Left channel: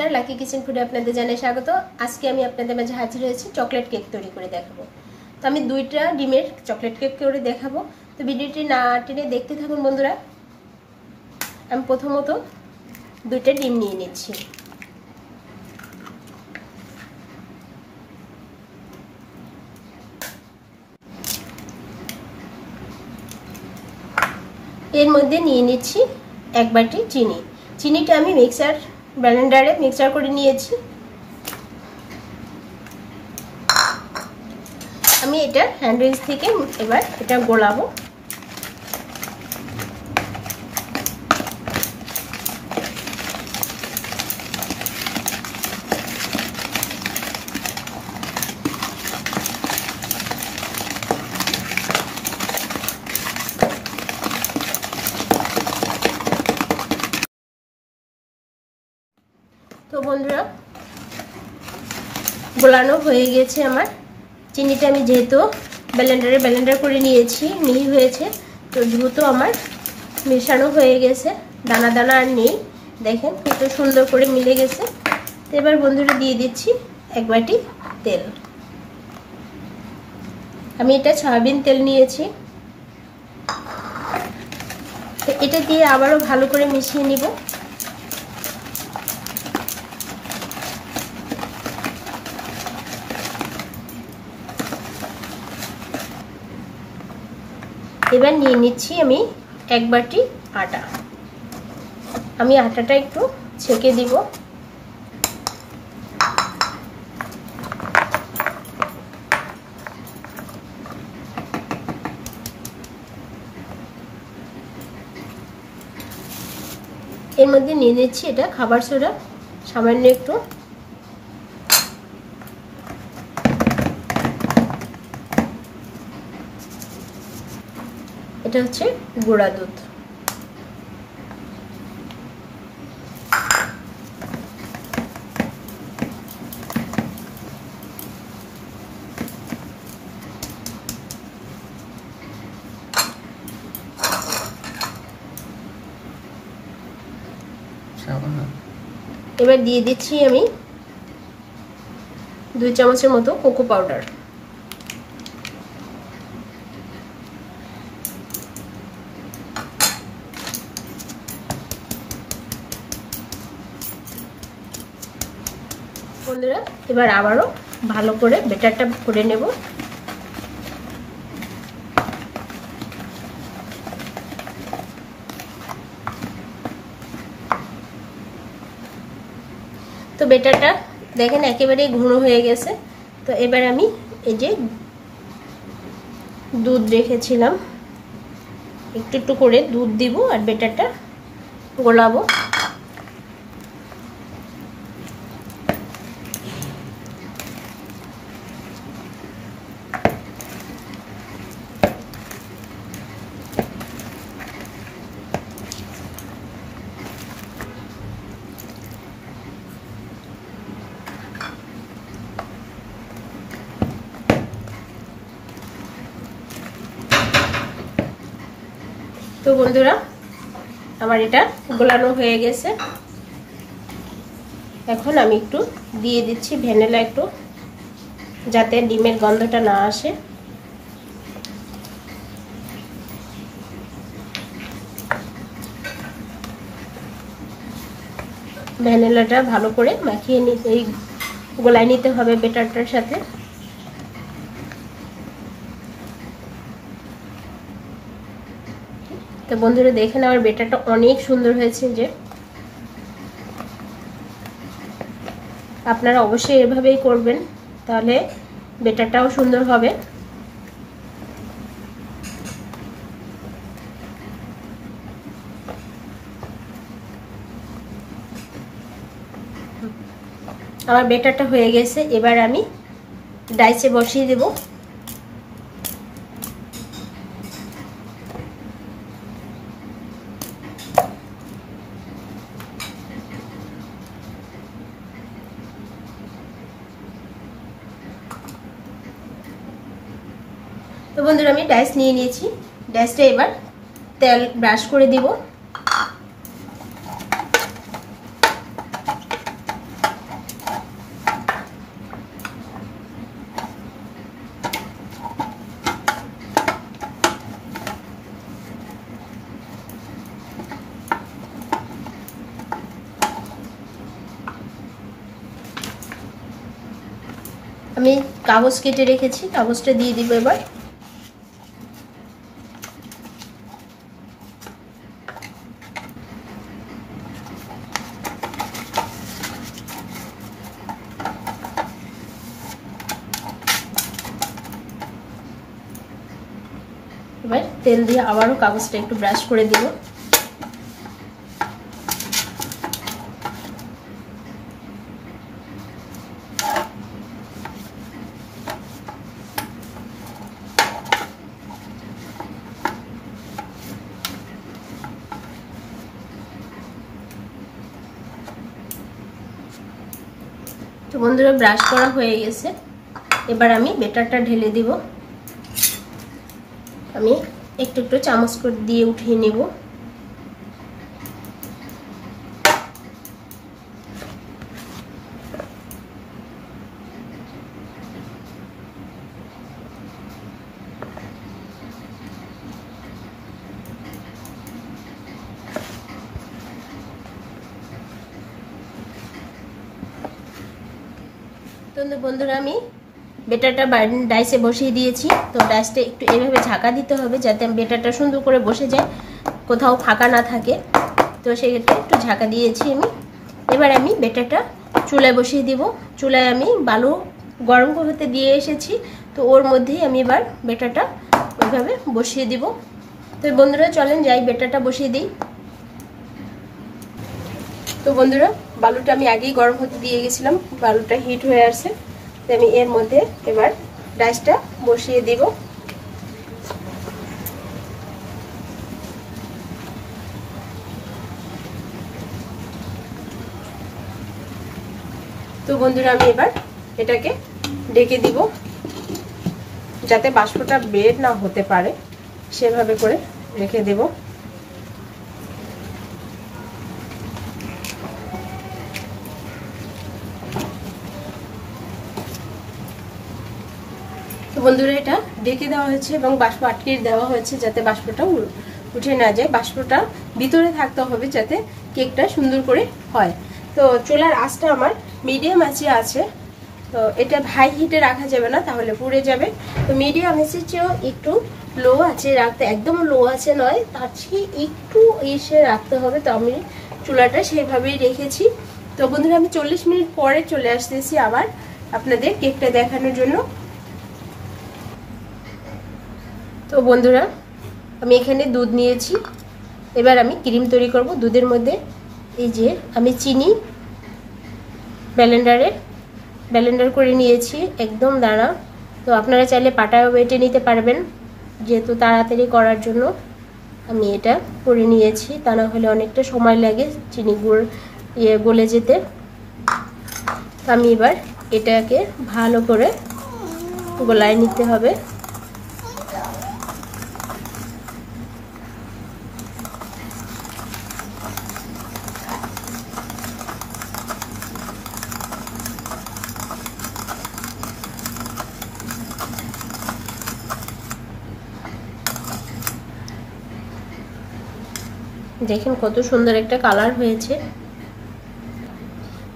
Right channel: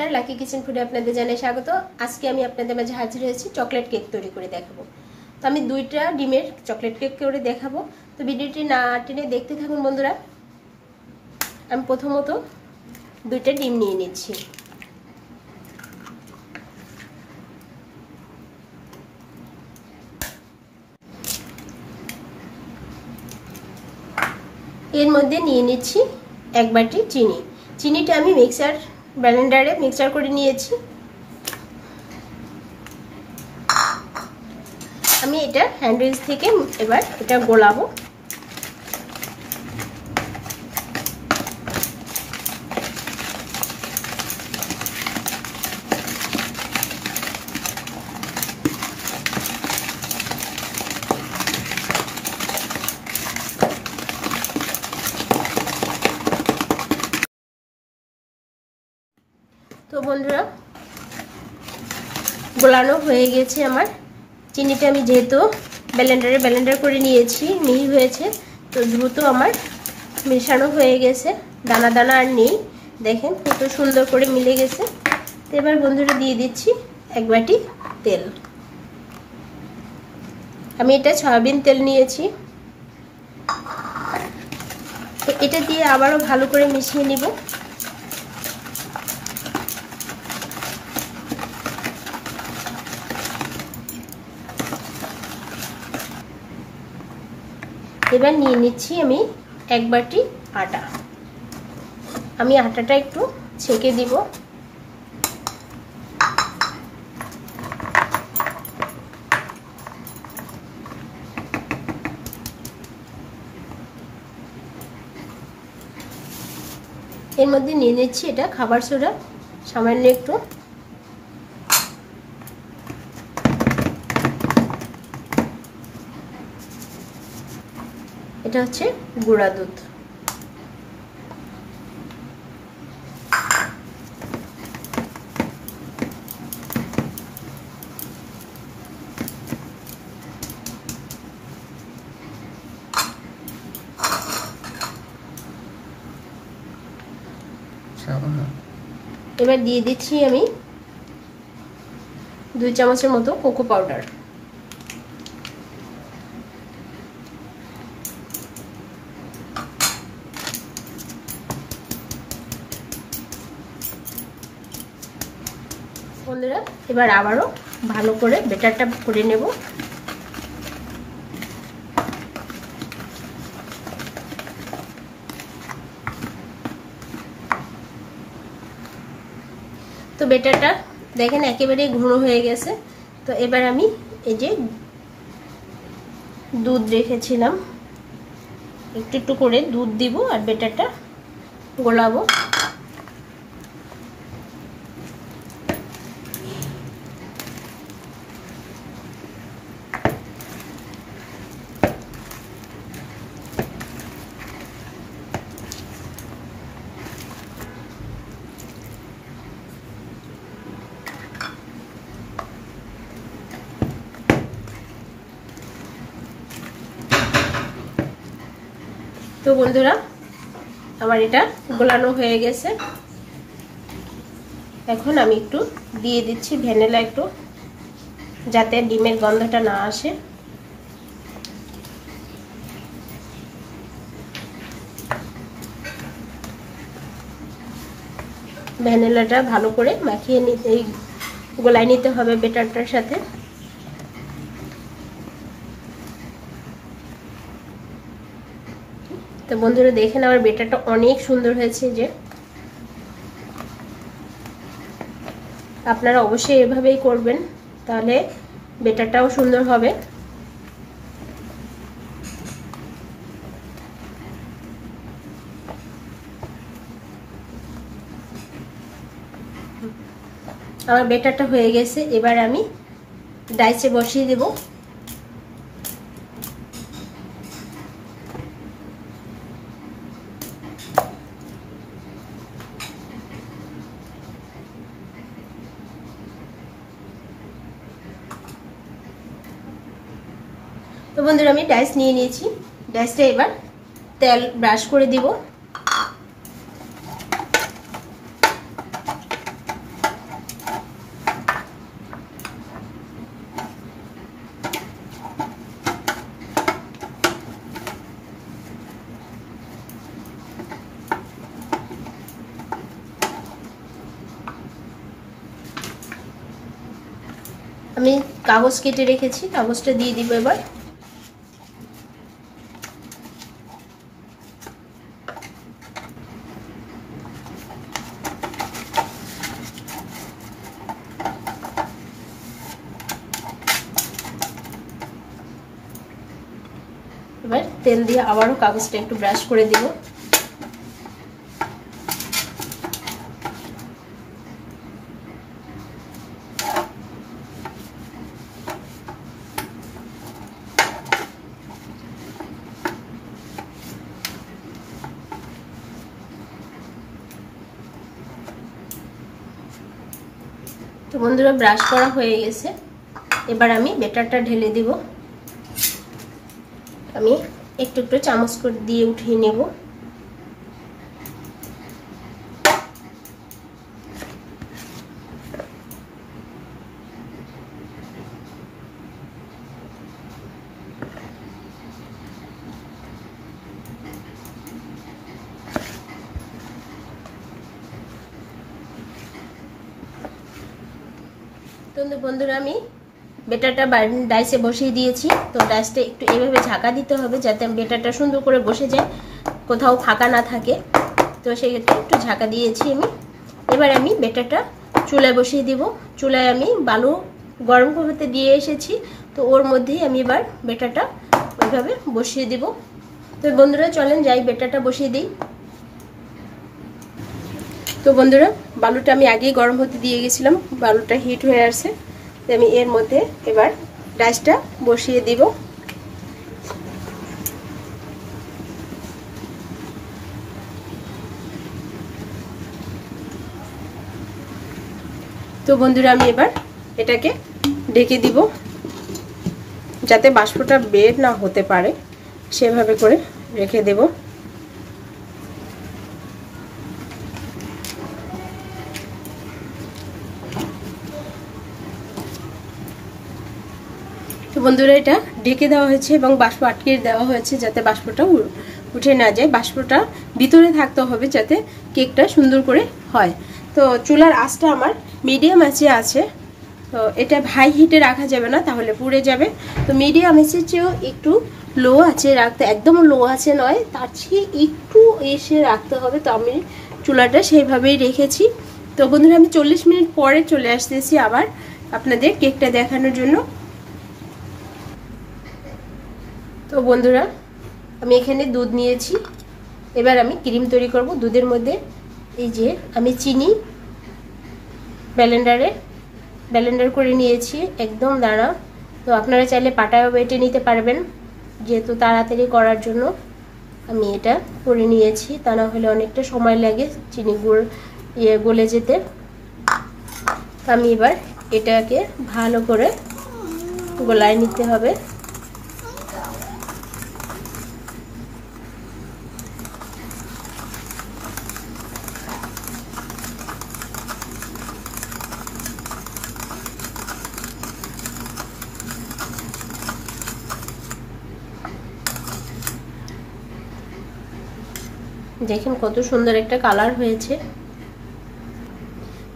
নমস্কার, lucky kitchen ফুডে আপনাদের জানাই স্বাগত। আজকে আমি আপনাদের মাঝে হাজির হয়েছি চকলেট কেক তৈরি করে দেখাবো। তো আমি 2টা ডিমের চকলেট কেক করে দেখাবো। তো ভিডিওটি না টেনে দেখতে থাকুন বন্ধুরা। আমি প্রথমত 2টা ডিম নিয়ে নিচ্ছি। এর মধ্যে নিয়ে নিচ্ছি 1 বাটি চিনি। চিনিটা আমি ব্লেন্ডারে মিক্সার করে নিয়েছি। আমি এটা হ্যান্ড উইচ থেকে এবার এটা গোলাবো। তো বন্ধুরা, গোলানো হয়ে গেছে আমার। চিনিটা আমি যেহেতু ব্লেন্ডার করে নিয়েছি, মিহি হয়েছে, তো দ্রুত আমার মেশানো হয়ে গেছে, দানা দানা আর নেই। দেখেন কত সুন্দর করে মিলে গেছে। তো এবার বন্ধুরা দিয়ে দিচ্ছি 1 বাটি তেল। আমি এটা সয়াবিন তেল নিয়েছি। তো এটা দিয়ে আবারও ভালো করে মিশিয়ে নিব। এবার নিয়ে নিচ্ছি আমি 1 বাটি আটা। আমি আটাটা একটু ছেঁকে দিব। এর মধ্যে নিয়ে নিচ্ছি এটা খাবার সোডা, সামান্য একটু। এটা হচ্ছে গুঁড়া দুধ। এবার দিয়ে দিচ্ছি আমি 2 চামচের মতো কোকো পাউডার। বন্ধুরা, এবার আবারও ভালো করে ব্যাটারটা করে নেব। তো ব্যাটারটা দেখেন একেবারে ঘন হয়ে গেছে। তো এবার আমি এই যে দুধ রেখেছিলাম, একটু একটু করে দুধ দিব আর ব্যাটারটা গোলাবো। তো বন্ধুরা, আমার এটা গোলানো হয়ে গেছে। এখন আমি একটু দিয়ে দিচ্ছি ভ্যানিলা, একটু যাতে ডিমের গন্ধটা না আসে। ভ্যানিলাটা ভালো করে মাখিয়ে নিতে, গোলায় নিতে হবে ব্যাটারটার সাথে। তো বন্ধুরা দেখেন আমার ব্যাটারটা অনেক সুন্দর হয়েছে। যে আপনারা অবশ্যই এভাবেই করবেন, তাহলে ব্যাটারটাও সুন্দর হবে। আমার ব্যাটারটা হয়ে গেছে। এবার আমি ডাইসে বসিয়ে দেব। তো বন্ধুরা, আমি ডাইস নিয়ে নিয়েছি। ডাইসটা এবার তেল ব্রাশ করে দিব। আমি কাগজ কেটে রেখেছি, কাগজটা দিয়ে দিব এবার। এবার তেল দিয়ে আবারও কাগজটা একটু ব্রাশ করে দিব। তো বন্ধুরা ব্রাশ করা হয়ে গেছে, এবার আমি ব্যাটারটা ঢেলে দিব। আমি একটু একটু চামচ করে দিয়ে উঠিয়ে নেব। তো বন্ধুরা আমি বেটারটা ডাইসে বসিয়ে দিয়েছি। তো ডাইসটা একটু এভাবে ঝাঁকা দিতে হবে যাতে বেটারটা সুন্দর করে বসে যায়, কোথাও ফাঁকা না থাকে। তো সেক্ষেত্রে একটু ঝাঁকা দিয়েছি আমি। এবার আমি বেটারটা চুলায় বসিয়ে দিব। চুলায় আমি বালু গরম হতে দিয়ে এসেছি, তো ওর মধ্যেই আমি এবার বেটারটা ওইভাবে বসিয়ে দিব। তো বন্ধুরা চলেন যাই বেটারটা বসিয়ে দিই। তো বন্ধুরা বালুটা আমি আগেই গরম হতে দিয়ে গেছিলাম, বালুটা হিট হয়ে আসছে। আমি এর মধ্যে এবার ডাইসটা বসিয়ে দিব। তো বন্ধুরা আমি এবার এটাকে ঢেকে দিব যাতে বাষ্পটা বের না হতে পারে, সেভাবে করে রেখে দেব। বন্ধুরা এটা ঢেকে দেওয়া হয়েছে এবং বাষ্প আটকে দেওয়া হয়েছে যাতে বাষ্পটা উঠে না যায়। বাষ্পটা ভিতরে থাকতে হবে যাতে কেকটা সুন্দর করে হয়। তো চুলার আঁচটা আমার মিডিয়াম আঁচে আছে। তো এটা হাই হিটে রাখা যাবে না, তাহলে পুড়ে যাবে। তো মিডিয়াম আঁচের চেয়েও একটু লো আঁচে রাখতে, একদম লো আঁচে নয়, তার চেয়ে একটু এসে রাখতে হবে। তো আমি চুলাটা সেইভাবেই রেখেছি। তো বন্ধুরা আমি 40 মিনিট পরে চলে আসতেছি আবার আপনাদের কেকটা দেখানোর জন্য। তো বন্ধুরা আমি এখানে দুধ নিয়েছি, এবার আমি ক্রিম তৈরি করব। দুধের মধ্যে এই যে আমি চিনি ব্লেন্ডার করে নিয়েছি, একদম দানা। তো আপনারা চাইলে পাটায়ও বেটে নিতে পারবেন, যেহেতু তাড়াতাড়ি করার জন্য আমি এটা করে নিয়েছি, তা না হলে অনেকটা সময় লাগে চিনি গুড় গলে যেতে। আমি এবার এটাকে ভালো করে গলায় নিতে হবে। দেখেন কত সুন্দর একটা কালার হয়েছে।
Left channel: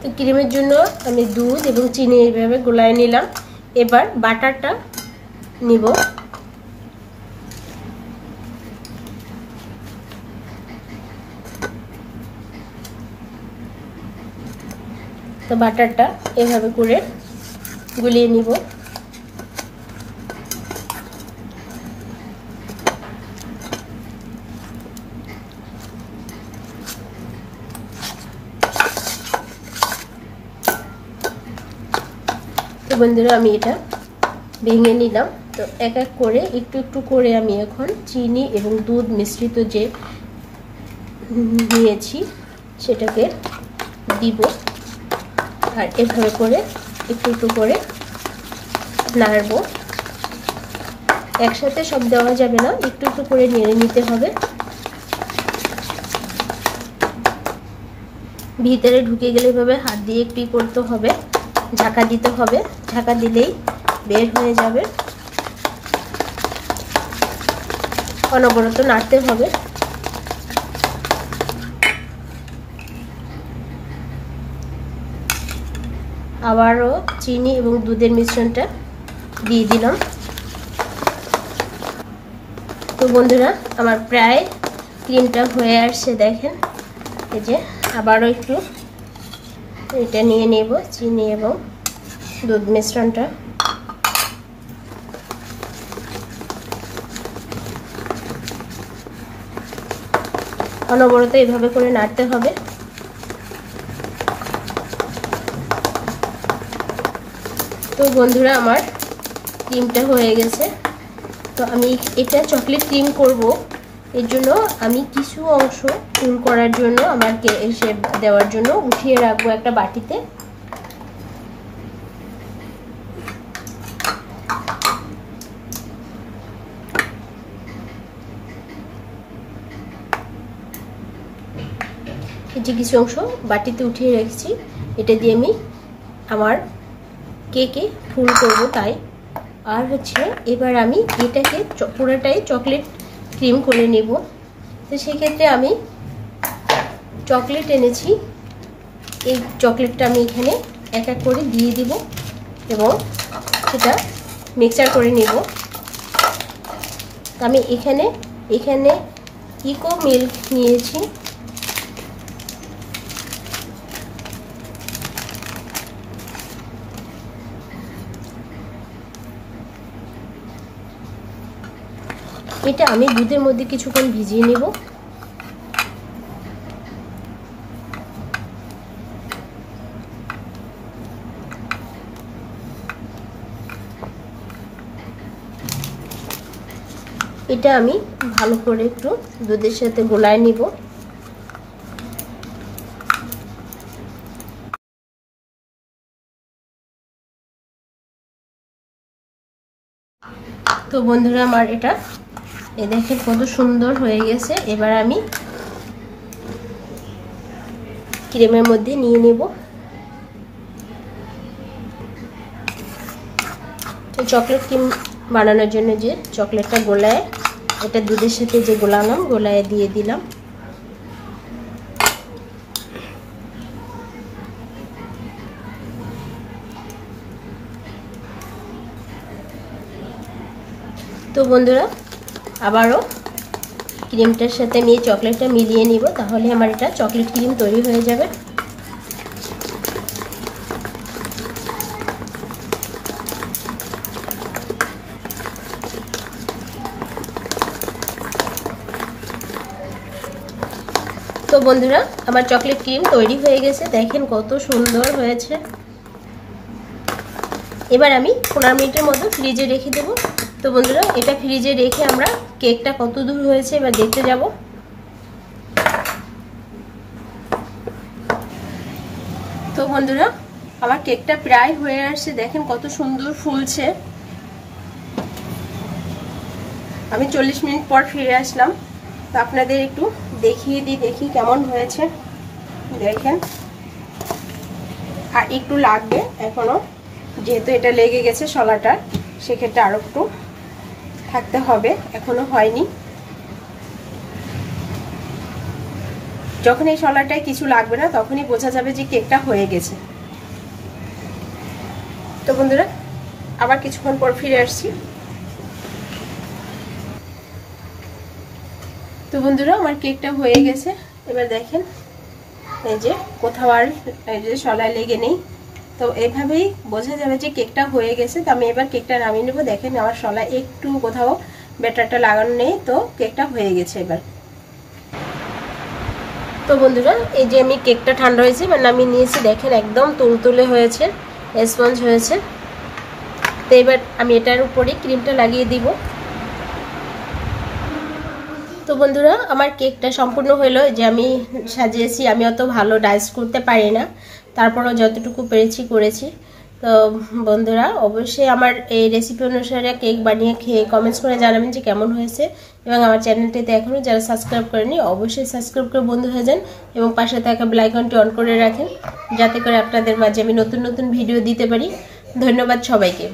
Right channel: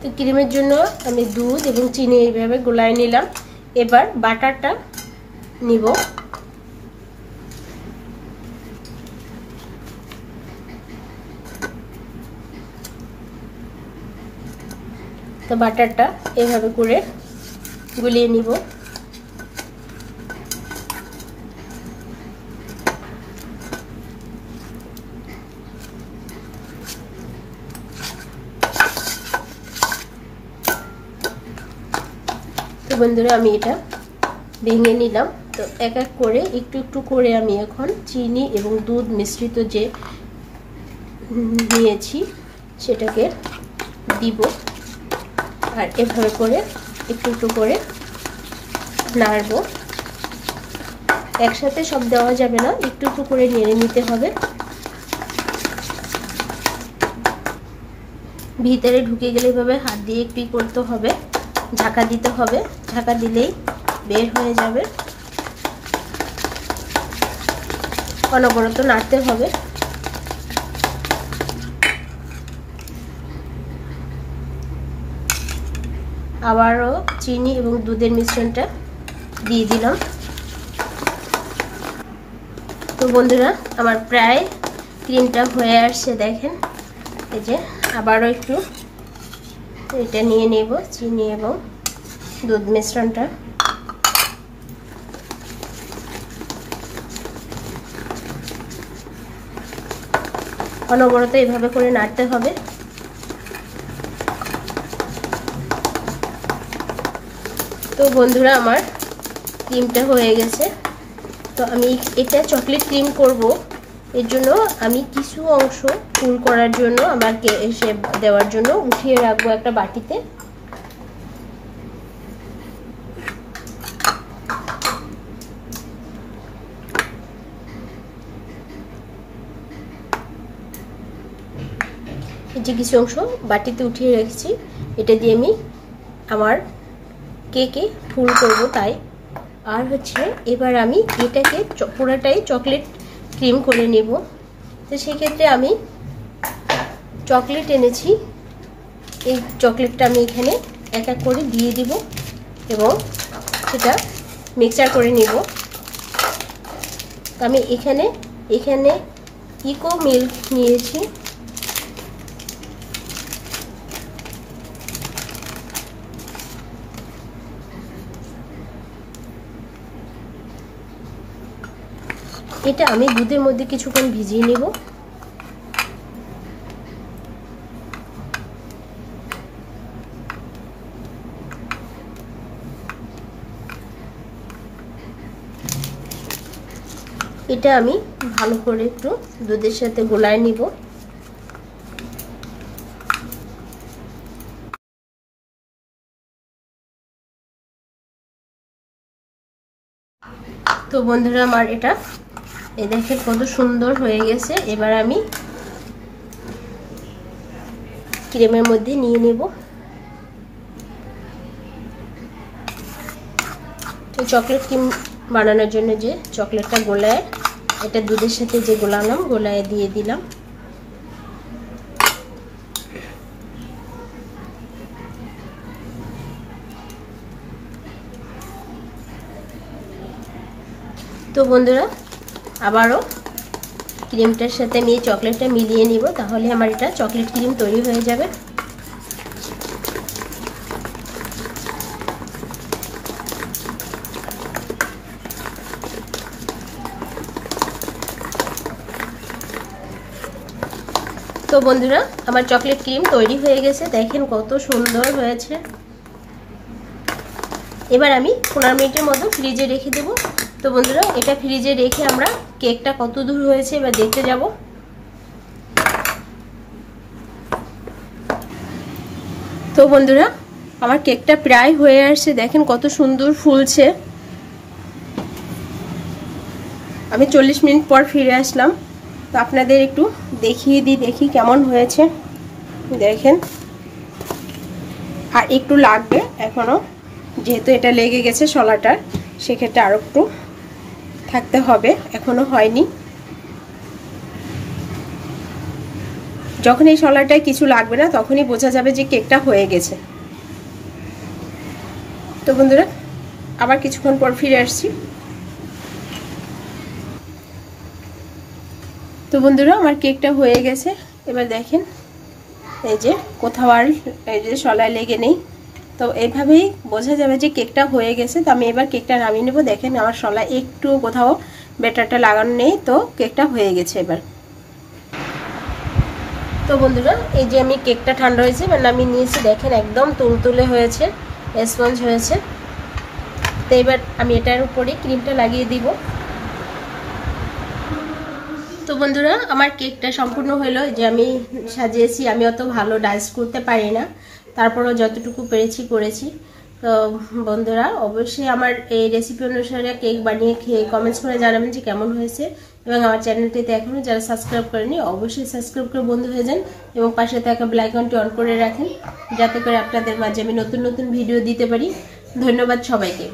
তো ক্রিমের জন্য আমি দুধ এবং চিনি এইভাবে গোলায় নিলাম। এবার বাটারটা নিব। তো বাটারটা এভাবে করে গুলিয়ে নিব। তো বন্ধুরা আমি এটা ভেঙে নিলাম। তো এক এক করে একটু একটু করে আমি এখন চিনি এবং দুধ মিশ্রিত যে নিয়েছি সেটাকে দিব, আর এভাবে করে একটু একটু করে নাড়ব। একসাথে সব দেওয়া যাবে না, একটু একটু করে নেড়ে নিতে হবে। ভিতরে ঢুকে গেলে এভাবে হাত দিয়ে একটু করতে হবে, ঢাকা দিতে হবে। ঢাকা দিলেই বের হয়ে যাবে। অনবরত নাড়তে হবে। তো আবারও চিনি এবং দুধের মিশ্রণটা দিয়ে দিলাম। তো বন্ধুরা আমার প্রায় ক্রিমটা হয়ে আসছে, দেখেন। এই যে আবারও একটু এটা নিয়ে নেব, চিনি এবং দুধ মিশ্রণটা। অনবরত এভাবে করে নাড়তে হবে। তো বন্ধুরা আমার ক্রিমটা হয়ে গেছে। তো আমি এটা চকলেট ক্রিম করব, এর জন্য আমি কিছু অংশ কুল করার জন্য আমাকে এসে দেওয়ার জন্য উঠিয়ে রাখবো একটা বাটিতে। এই যে কিছু অংশ বাটিতে উঠিয়ে রেখেছি, এটা দিয়ে আমি আমার কেকে ফুল করব তাই। আর হচ্ছে এবার আমি এটাকে পুরোটাই চকলেট ক্রিম করে নেব। তো সেক্ষেত্রে আমি চকলেট এনেছি, এই চকলেটটা আমি এখানে এক এক করে দিয়ে দিব এবং সেটা মিক্সচার করে নেব। আমি এখানে ইকো মিল্ক নিয়েছি। এটা আমি দুধের মধ্যে কিছুক্ষণ ভিজিয়ে নেব। এটা আমি ভালো করে একটু দুধের সাথে গোলায় নিব। তো বন্ধুরা আমার এটা এই দেখেন কত সুন্দর হয়ে গেছে। এবার আমি ক্রিমের মধ্যে নিয়ে নেব। চকলেট ক্রিম বানানোর জন্য যে চকলেটটা গোলায়, এটা দুধের সাথে যে গোলালাম, গোলায় দিয়ে দিলাম। তো বন্ধুরা আবারও ক্রিমটার সাথে আমি এই চকলেটটা মিলিয়ে নিব, তাহলে আমার এটা চকলেট ক্রিম তৈরি হয়ে যাবে। তো বন্ধুরা আমার চকলেট ক্রিম তৈরি হয়ে গেছে, দেখেন কত সুন্দর হয়েছে। এবার আমি 15 মিনিটের মতো ফ্রিজে রেখে দেব। তো বন্ধুরা এটা ফ্রিজে রেখে আমরা কেকটা কত দূর হয়েছে এবার দেখতে যাব। তো বন্ধুরা আমার কেকটা প্রায় হয়ে আসছে, দেখেন কত সুন্দর ফুলছে। আমি 40 মিনিট পর ফিরে আসলাম, তো আপনাদের একটু দেখিয়ে দিই, দেখি কেমন হয়েছে। দেখেন আর একটু লাগবে এখনো, যেহেতু এটা লেগে গেছে শলাটার, সেক্ষেত্রে আরো একটু থাকতে হবে, এখনো হয়নি। যখন এই শলাটায় কিছু লাগবে না তখনই বোঝা যাবে যে কেকটা হয়ে গেছে। তো বন্ধুরা আবার কিছুক্ষণ পর ফিরে আসছি। তো বন্ধুরা আমার কেকটা হয়ে গেছে। এবার দেখেন এই যে কোথাও আর এই যে শলায় লেগে নেই, তো এইভাবেই বোঝা যাবে যে কেকটা হয়ে গেছে। তো আমি এবার কেকটা নামিয়ে নেব। দেখেন আমার শলায় একটু কোথাও ব্যাটারটা লাগানো নেই, তো কেকটা হয়ে গেছে এবার। তো বন্ধুরা এই যে আমি কেকটা ঠান্ডা হয়েছে এবার নামিয়ে নিয়েছি, দেখেন একদম তুলতুলে হয়েছে, স্পঞ্জ হয়েছে। তো এবার আমি এটার উপরে ক্রিমটা লাগিয়ে দিব। তো বন্ধুরা আমার কেকটা সম্পূর্ণ হলো, যে আমি সাজিয়েছি। আমি অত ভালো ডাইস করতে পারি না, তারপরেও যতটুকু পেরেছি করেছি। তো বন্ধুরা অবশ্যই আমার এই রেসিপি অনুসারে কেক বানিয়ে খেয়ে কমেন্টস করে জানাবেন যে কেমন হয়েছে। এবং আমার চ্যানেলটিতে এখনো যারা সাবস্ক্রাইব করেনি অবশ্যই সাবস্ক্রাইব করে বন্ধু হয়ে যান এবং পাশে থাকা বেল আইকনটি অন করে রাখেন, যাতে করে আপনাদের মাঝে আমি নতুন নতুন ভিডিও দিতে পারি। ধন্যবাদ সবাইকে।